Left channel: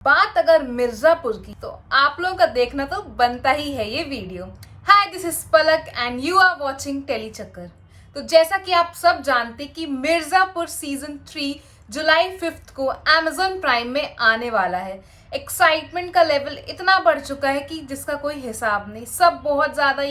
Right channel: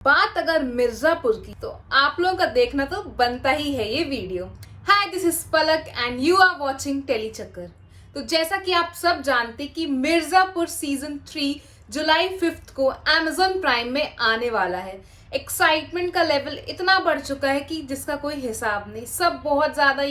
बात अगर मिर्जापुर की तो आप लोगों का देखना तो बनता ही है ये video. Hi, this is Palak and you are watching Tele Chakkar. तो जैसा कि आप सब जानते कि मिर्जापुर सीजन 3 जुलाई 5 को Amazon प्राइम में आने वाला है। एक्साइटमेंट का लेवल इतना बढ़ चुका है कि जिसका कोई हिसाब नहीं। सब बहुत ज्यादा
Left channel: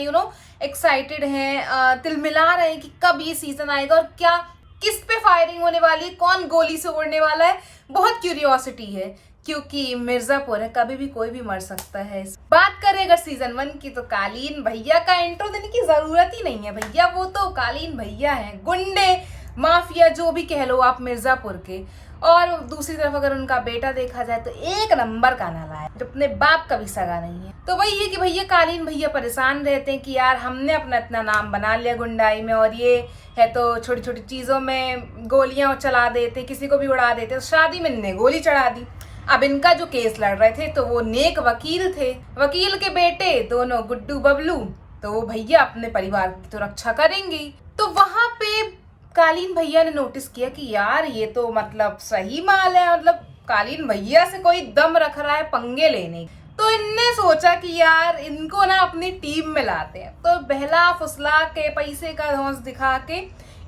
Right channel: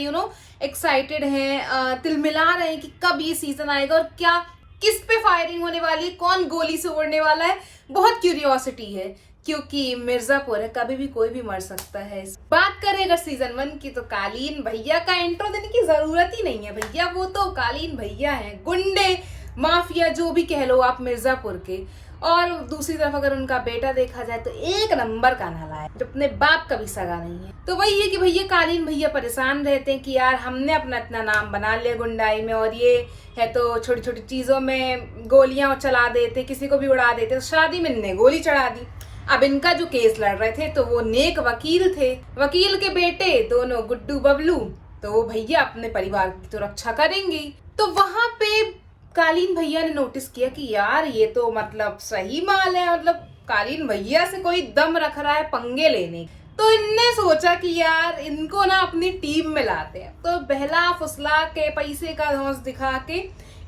एक्साइटेड हैं, तिलमिला रहे हैं कि कब ये सीजन आएगा और क्या किस पे फायरिंग होने वाली है, कौन गोली से उड़ने वाला है। बहुत क्यूरियोसिटी है क्योंकि मिर्जापुर है, कभी भी कोई भी मर सकता है। बात करें अगर सीजन 1 की तो कालीन भैया का इंट्रो देने की जरूरत ही नहीं है। भैया वो तो कालीन भैया हैं, गुंडे माफिया जो भी कह लो आप मिर्जापुर के। और दूसरी तरफ अगर उनका बेटा देखा जाए तो एक नंबर का नालायक, जो अपने बाप का भी सगा नहीं है। तो वही है कि भैया कालीन भैया परेशान रहते हैं कि यार हमने अपना इतना नाम बना लिया गुंडाई में, और ये है तो छोटी छोटी चीजों में गोलियां चला देते, किसी को भी उड़ा देते। तो शादी में इनने गोली चढ़ा दी। अब इनका जो केस लड़ रहे थे तो वो नेक वकील थे, वकील के बेटे दोनों गुड्डू बबलू, तो वो भैया अपने परिवार की तो रक्षा करेंगे। तो वहां पे कालीन भैया ने नोटिस किया कि यार ये तो मतलब सही माल है, मतलब कालीन भैया से कोई दम रख रहा है पंगे लेने। तो इनने सोचा कि यार इनको ना अपनी टीम में लाते हैं। तो बहला फुसला के पैसे का धौंस दिखा के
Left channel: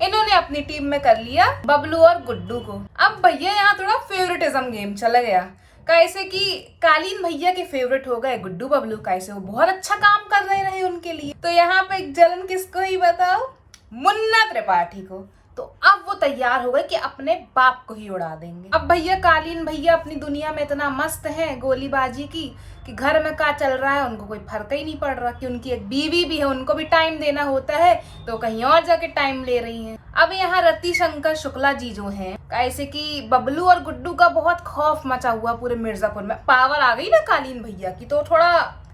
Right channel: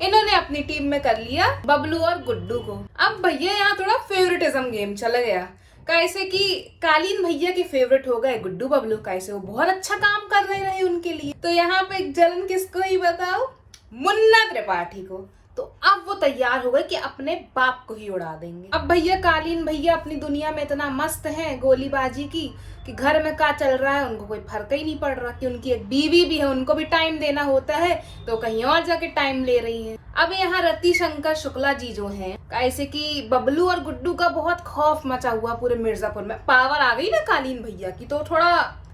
इन्होंने अपनी टीम में कर लिया बबलू और गुड्डू को। अब भैया यहाँ थोड़ा फेवरेटिज्म गेम चला गया। कैसे कि कालीन भैया के फेवरेट हो गए गुड्डू बबलू, कैसे वो बहुत अच्छा काम कर रहे उनके लिए। तो यहाँ पे एक जलन किसको ही बताओ, मुन्ना त्रिपाठी को। तो अब वो तैयार हो गए कि अपने बाप को ही उड़ा देंगे। अब भैया कालीन भैया अपनी दुनिया में इतना मस्त है गोलीबाजी की कि घर में क्या चल रहा है उनको कोई फर्क ही नहीं पड़ रहा। कि उनकी एक बीवी भी है, उनको भी टाइम देना होता है, तो कहीं और जाके टाइम ले रही हैं। अब यहाँ रति शंकर शुक्ला जी जो हैं, ऐसे कि बबलू और गुड्डू का बहुत खौफ मचा हुआ पूरे मिर्जापुर में। पावर आ गई ना कालीन भैया की, तो थोड़ा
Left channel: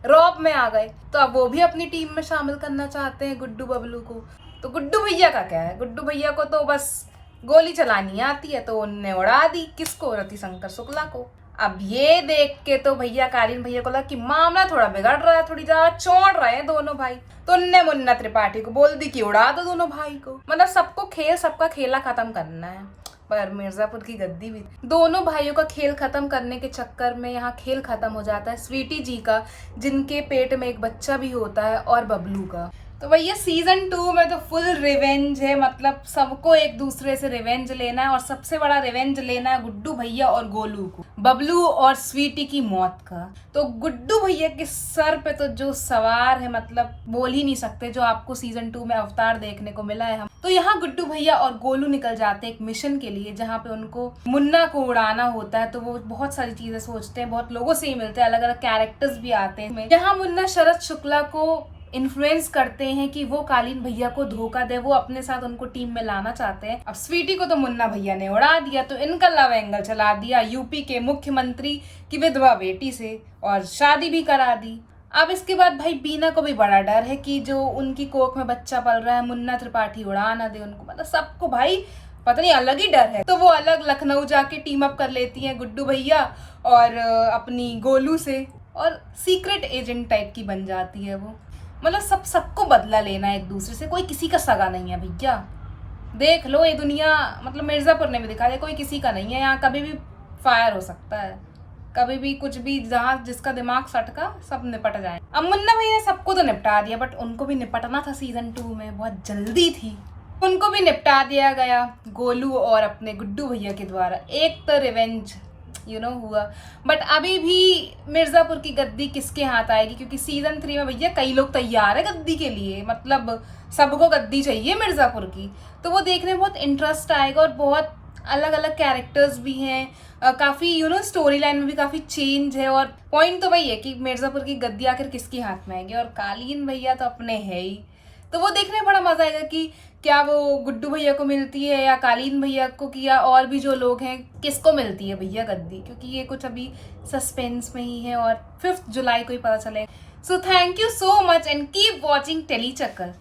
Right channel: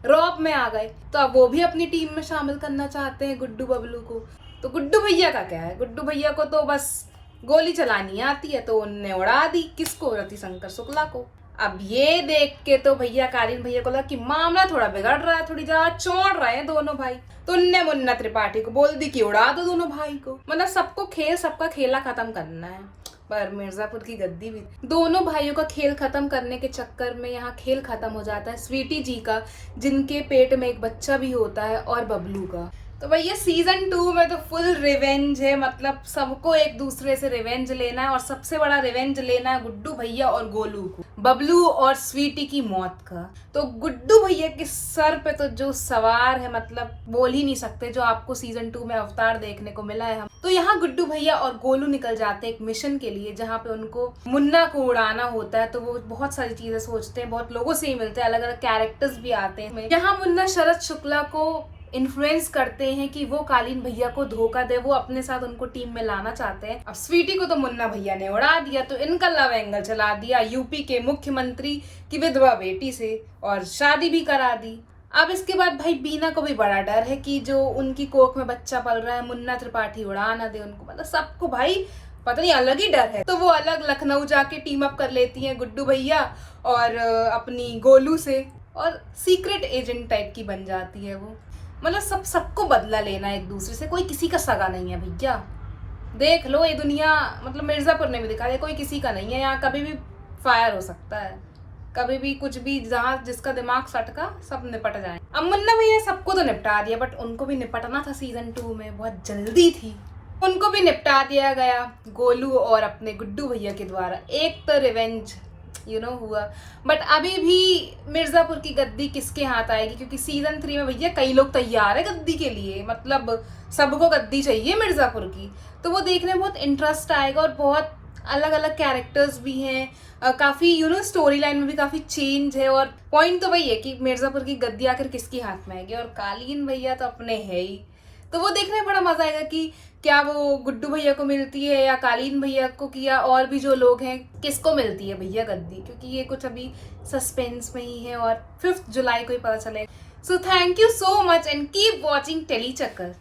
रौब में आ गए। तो अब वो भी अपनी टीम में शामिल करना चाहते हैं गुड्डू बबलू को। तो गुड्डू भैया का क्या है, गुड्डू भैया को तो बस गोली चलानी आती है, तो उनने उड़ा दी किसको, रति शंकर शुक्ला को। अब ये देख के तो भैया कालीन भैया को लगा कि मामला थोड़ा बिगड़ रहा है, थोड़ी ज्यादा चौड़ रहे हैं दोनों भाई। तो उनने मुन्ना त्रिपाठी को बोल दी कि उड़ा दो दोनों भाई को। मतलब सबका खेला खत्म करना है। पर मिर्जापुर की गद्दी भी, दोनों भाइयों का खेल खत्म करने के चक्कर में यहाँ खेल खत्म हो जाता है स्वीटी जी का, जिनके पेट में एक बच्चा भी होता है, और बबलू का। तो भैया सीजन 2 में तो फुल रिवेंज है। मतलब सबको एक दूसरे से रिवेंज लेना है, और सबसे बड़ा रिवेंज लेना है गुड्डू भैया और गोलू को, बबलू और स्वीटी की मौत का। तो गुड्डू भैया के सर पे तो जो सवार है, मतलब बोल ही नहीं सकते, जो आपको सीजन 2 में अवतार देखने को मिला है। हम तो यहाँ गुड्डू भैया और गोलू निकल जाते हैं एक मिशन के लिए, जहाँ पे उनको मुन्ना को उड़ाना होता है। तो वो बहुत सारी चीजें सोचते हैं, बहुत लोगों से ही मिलते हैं, अलग अलग कैरेक्टर्स भी आते हैं। यहाँ मुन्ना शरद शुक्ला को इन्फ्लुएंस करते हैं कि वो कालीन भैया को धोखा दे, वो अपने साथ उनको टीम में लाना चाहते हैं। अब स्वीटी को तो मुन्ना भैया ने उड़ा दिया, तो इनका लव एंगल चला दिया यूपी के मुख्यमंत्री की विधवा बेटी से, और शादी भी करा दी। अब इसके बाद भाई बीना को भी बड़ा डर है कि जो उनकी कोख में बच्चा पल रहा है, मुन्ना त्रिपाठी उड़ा ना दे उनको। मतलब सबको भाई पता नहीं अलग ही डर है। तो वो अलग लखनऊ जाके टीम अप कर लेती हैं गुड्डू भैया और अपनी गोलू से, और सीक्रेट एजेंट टाइप की बन जाती है वो। मतलब सबको बदला लेना है एक दूसरे से, कोई किसी का सगा नहीं है भैया। देख लो ये दुनिया, मतलब मिर्जापुर ने भी दिखा दिया कोई किसी का नहीं है। यहाँ कभी भी फायर हो सकता है, कभी भी कुछ भी, जहाँ जिसका दिमाग सटका सब निपट जाए। अब मुन्ना भैया सबको तो निपटा दिया, बट उनको भी निपटना था सीजन 2 में, बहुत जल्दी थी। उनको भी निपटा दिया गया गोलू और अपने गुड्डू भैया के द्वारा। एक तो रिवेंज हुआ। बट अभी भी मिर्जापुर की गद्दी किसके हाथ आएगी, क्योंकि सीजन 3 में भैया कई लोग तैयार है गद्दी के लिए। मतलब सबको गद्दी चाहिए मिर्जापुर की। तो वो देखने में बहुत इंटरेस्ट आएगा, और बहुत अलग अलग कैरेक्टर्स भी हैं। काफी स्टोरी लाइन में भी काफी चेंज है। और पॉइंट तो वही है कि मिर्जापुर की गद्दी आखिर किसके हाथ में आएगी, और कालीन भैया तो अपने है ही। तो वो देखने में बड़ा मजा आएगा कि क्या वो गुड्डू भैया को मिलती है या कालीन भैया को, किया और भी जो लोग हैं किसको मिलती है भैया गद्दी, क्योंकि ये कुछ अभी सस्पेंस में ही है, और 5 जुलाई को ही पता चलेगा। So thank you so much and keep watching Tele चक्कर।